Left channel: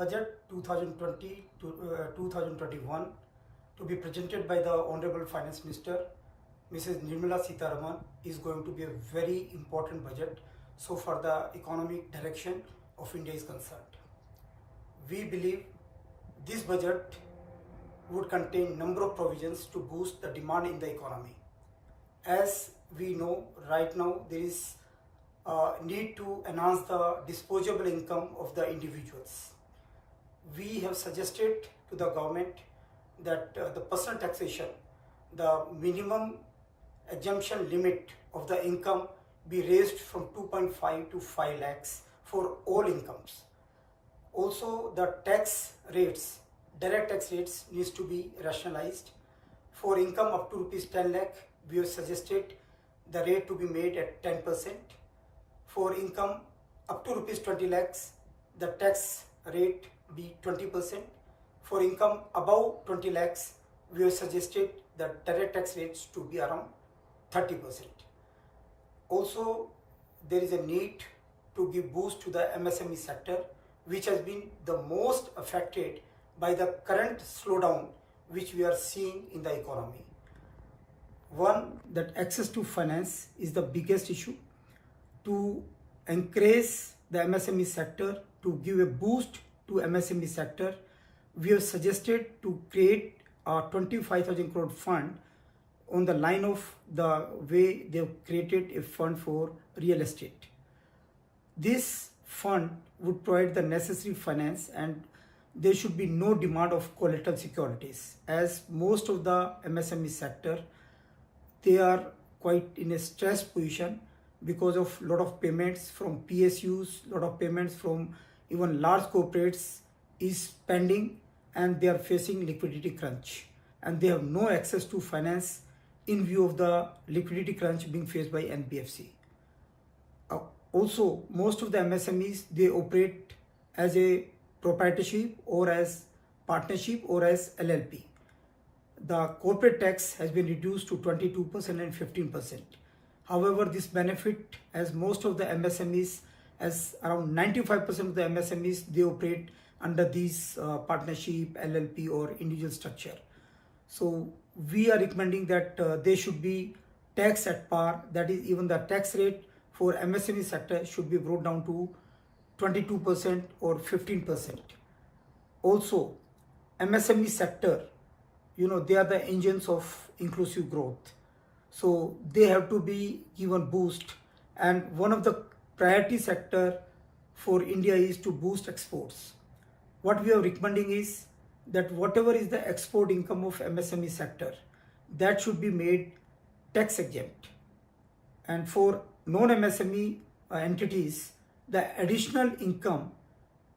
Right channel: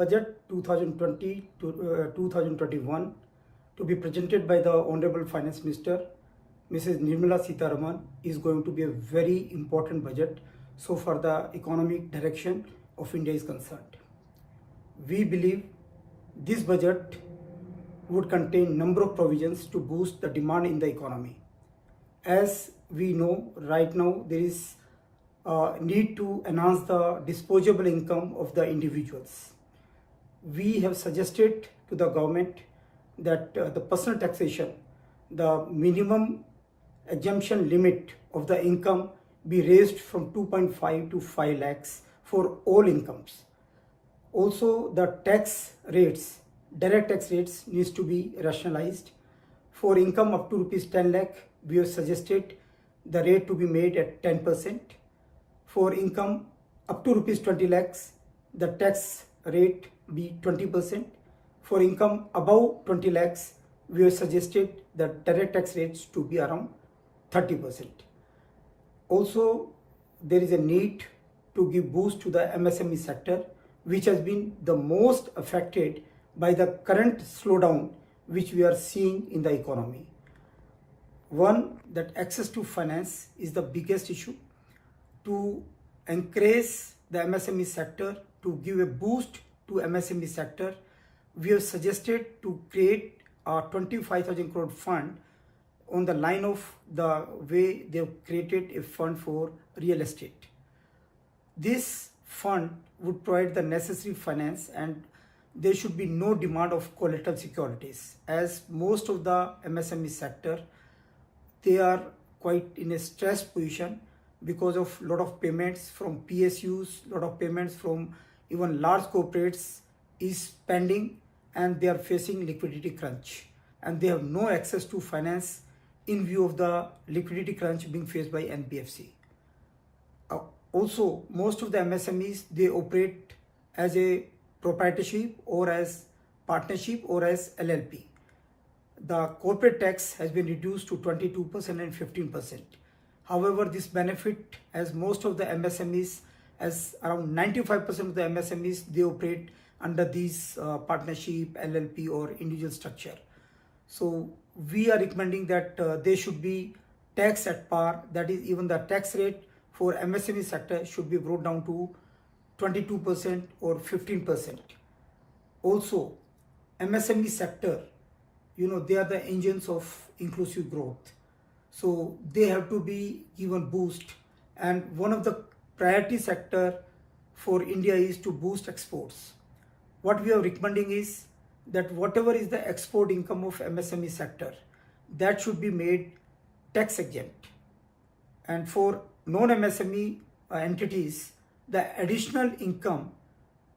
budget 2020 to 2021 to be presented by the Honorable Finance Minister, Mrs. Nirmala Sitharaman, is going to be a very important budget so far the economic direction of India is concerned. We believe this budget would contain number of provisions to boost the demand in the economy. As we know, right now there is need to enhance the disposable income of the individuals. We have suggested to the government that the personal taxation, the minimum exemption limit of the income be raised from 2.5 to 5 lakhs for all incomes. Also, the tax rates, direct tax rates needs to be rationalized. For income up to rupees 10 lakh, we have suggested the rate to be made at 10%. For income up to rupees 20 lakhs, the tax rate be 20%. For income above 20 lakhs, we have suggested the direct tax rates to be around 30%. Also, there is a need to give boost to the MSME sector, which has been the most affected by the current slowdown which we are seeing in the economy. One, that access to finance is the biggest issue. To encourage the MSME sector, to give a boost to MSME sector, we have suggested to create a 25,000 crore fund on the line of the way they have created a fund for real estate. This fund would provide the necessary finance and there should be no demand of collateral securities, as most of the MSME sector, they are quite in a stressed position because of lot of payments from PSUs, lot of payments from even large corporates is pending and they are facing liquidity crunch and they have no access to finance in view of the liquidity crunch being faced by NBFC. Also, most of the MSMEs, they operate as a proprietorship or as partnership or as LLP. The corporate tax has been reduced to 22% and 15%. However, this benefit, as most of the MSMEs, as around 95% of the MSMEs, they operate under these partnership, LLP or individual structure. So we are recommending that they should be taxed at par. That is, even the tax rate for MSME sector should be brought down to 22% or 15%. Also, MSME sector, they are the engines of inclusive growth. So they have to be given boost, and one of the priority sector for India is to boost exports. What we are recommending is that whatever is the export income of MSME sector, that should be made tax exempt. And for non-MSME entities, the additional income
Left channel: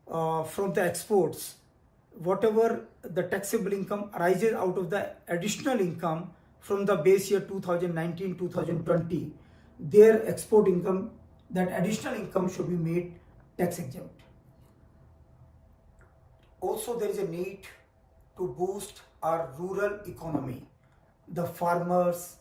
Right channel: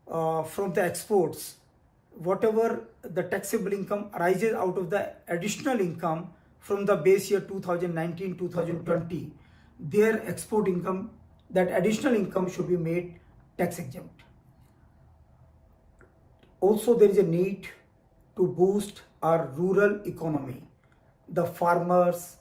from the exports, whatever the taxable income arises out of the additional income from the base year 2019-2020, their export income, that additional income should be made tax exempt. Also, there is a need to boost our rural economy. The farmers,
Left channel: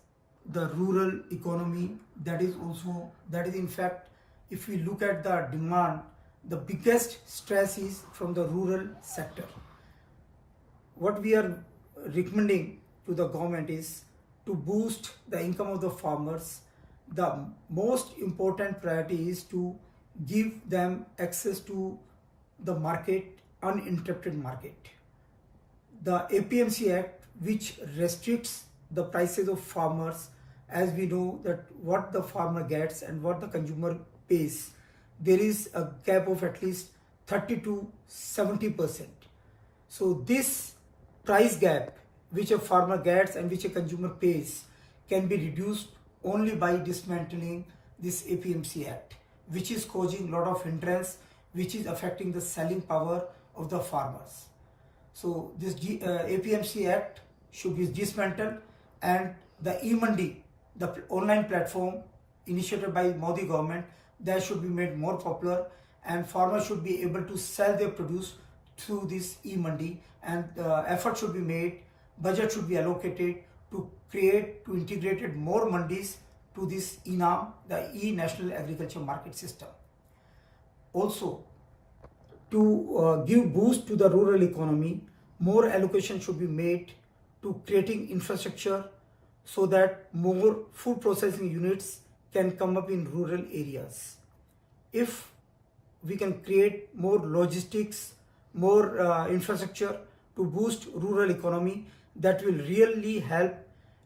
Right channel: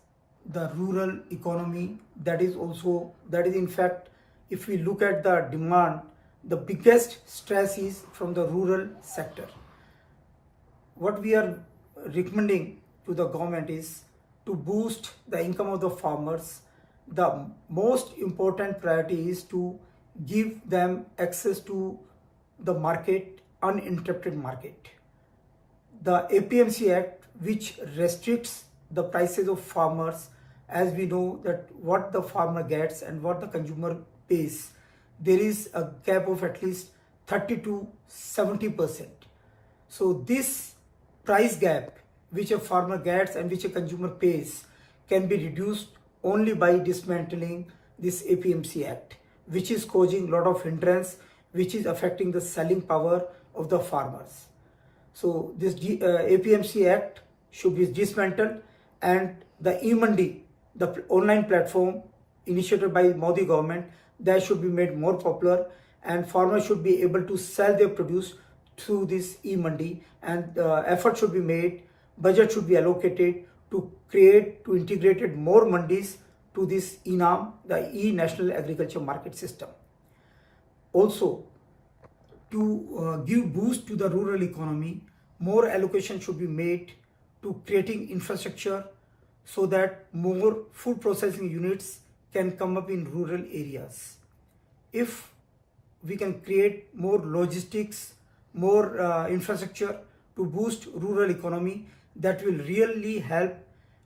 the rural economy, that is in fact, if we look at the demand, the biggest stress is from the rural sector. What we are recommending to the government is to boost the income of the farmers. The most important priority is to give them access to the market, uninterrupted market. The APMC Act, which restricts the prices of farmers, as we know that what the farmer gets and what the consumer pays, there is a gap of at least 30 to 70%. So this price gap which a farmer gets and which a consumer pays can be reduced only by dismantling this APMC Act, which is causing a lot of hindrance, which is affecting the selling power of the farmers. So this APMC Act should be dismantled, and the e-Mandi, the online platform initiated by Modi government, that should be made more popular, and farmers should be able to sell their produce through this e-Mandi, and effort should be made, budget should be allocated to integrate more mandis to this e-National Agriculture Market System. Also, to give boost to the rural economy, more allocation should be made to creating infrastructure so that more food processing units can come up in rural areas. If we can create more logistics, more infrastructure to boost rural economy, that will really help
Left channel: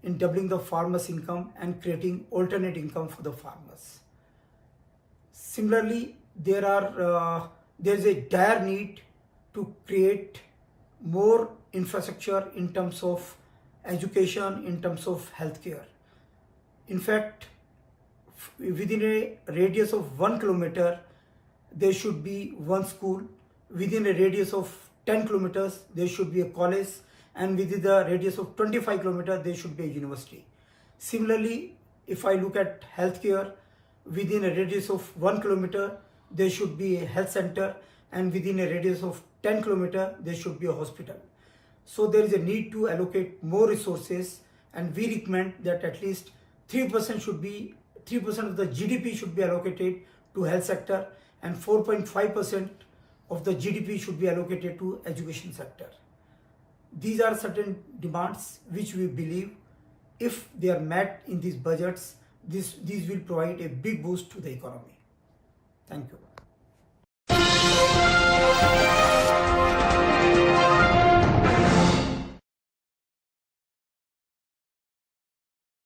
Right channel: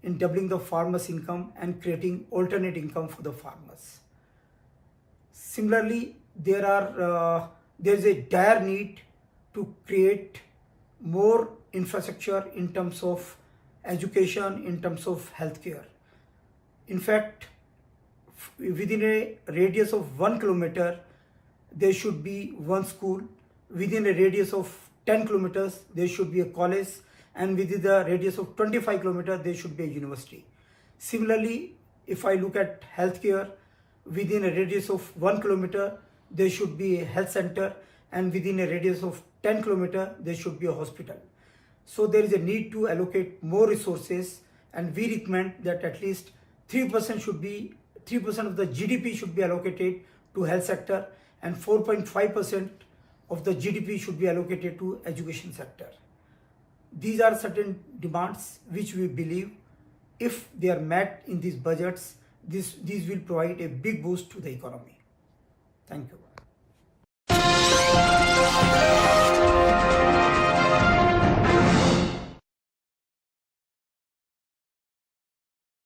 in doubling the farmers' income and creating alternate income for the farmers. Similarly, there is a dire need to create more infrastructure in terms of education, in terms of healthcare. In fact, within a radius of 1 kilometer, there should be one school. Within a radius of 10 kilometers, there should be a college, and within the radius of 25 kilometers, there should be a university. Similarly, if I look at healthcare, within a radius of 1 kilometer, there should be a health center, and within a radius of 10 kilometers, there should be a hospital. So there is a need to allocate more resources, and we recommend that at least 3% of the GDP should be allocated to health sector, and 4.5% of the GDP should be allocated to education sector. These are certain demands which we believe, if they are met in these budgets, these will provide a big boost to the economy. Thank you.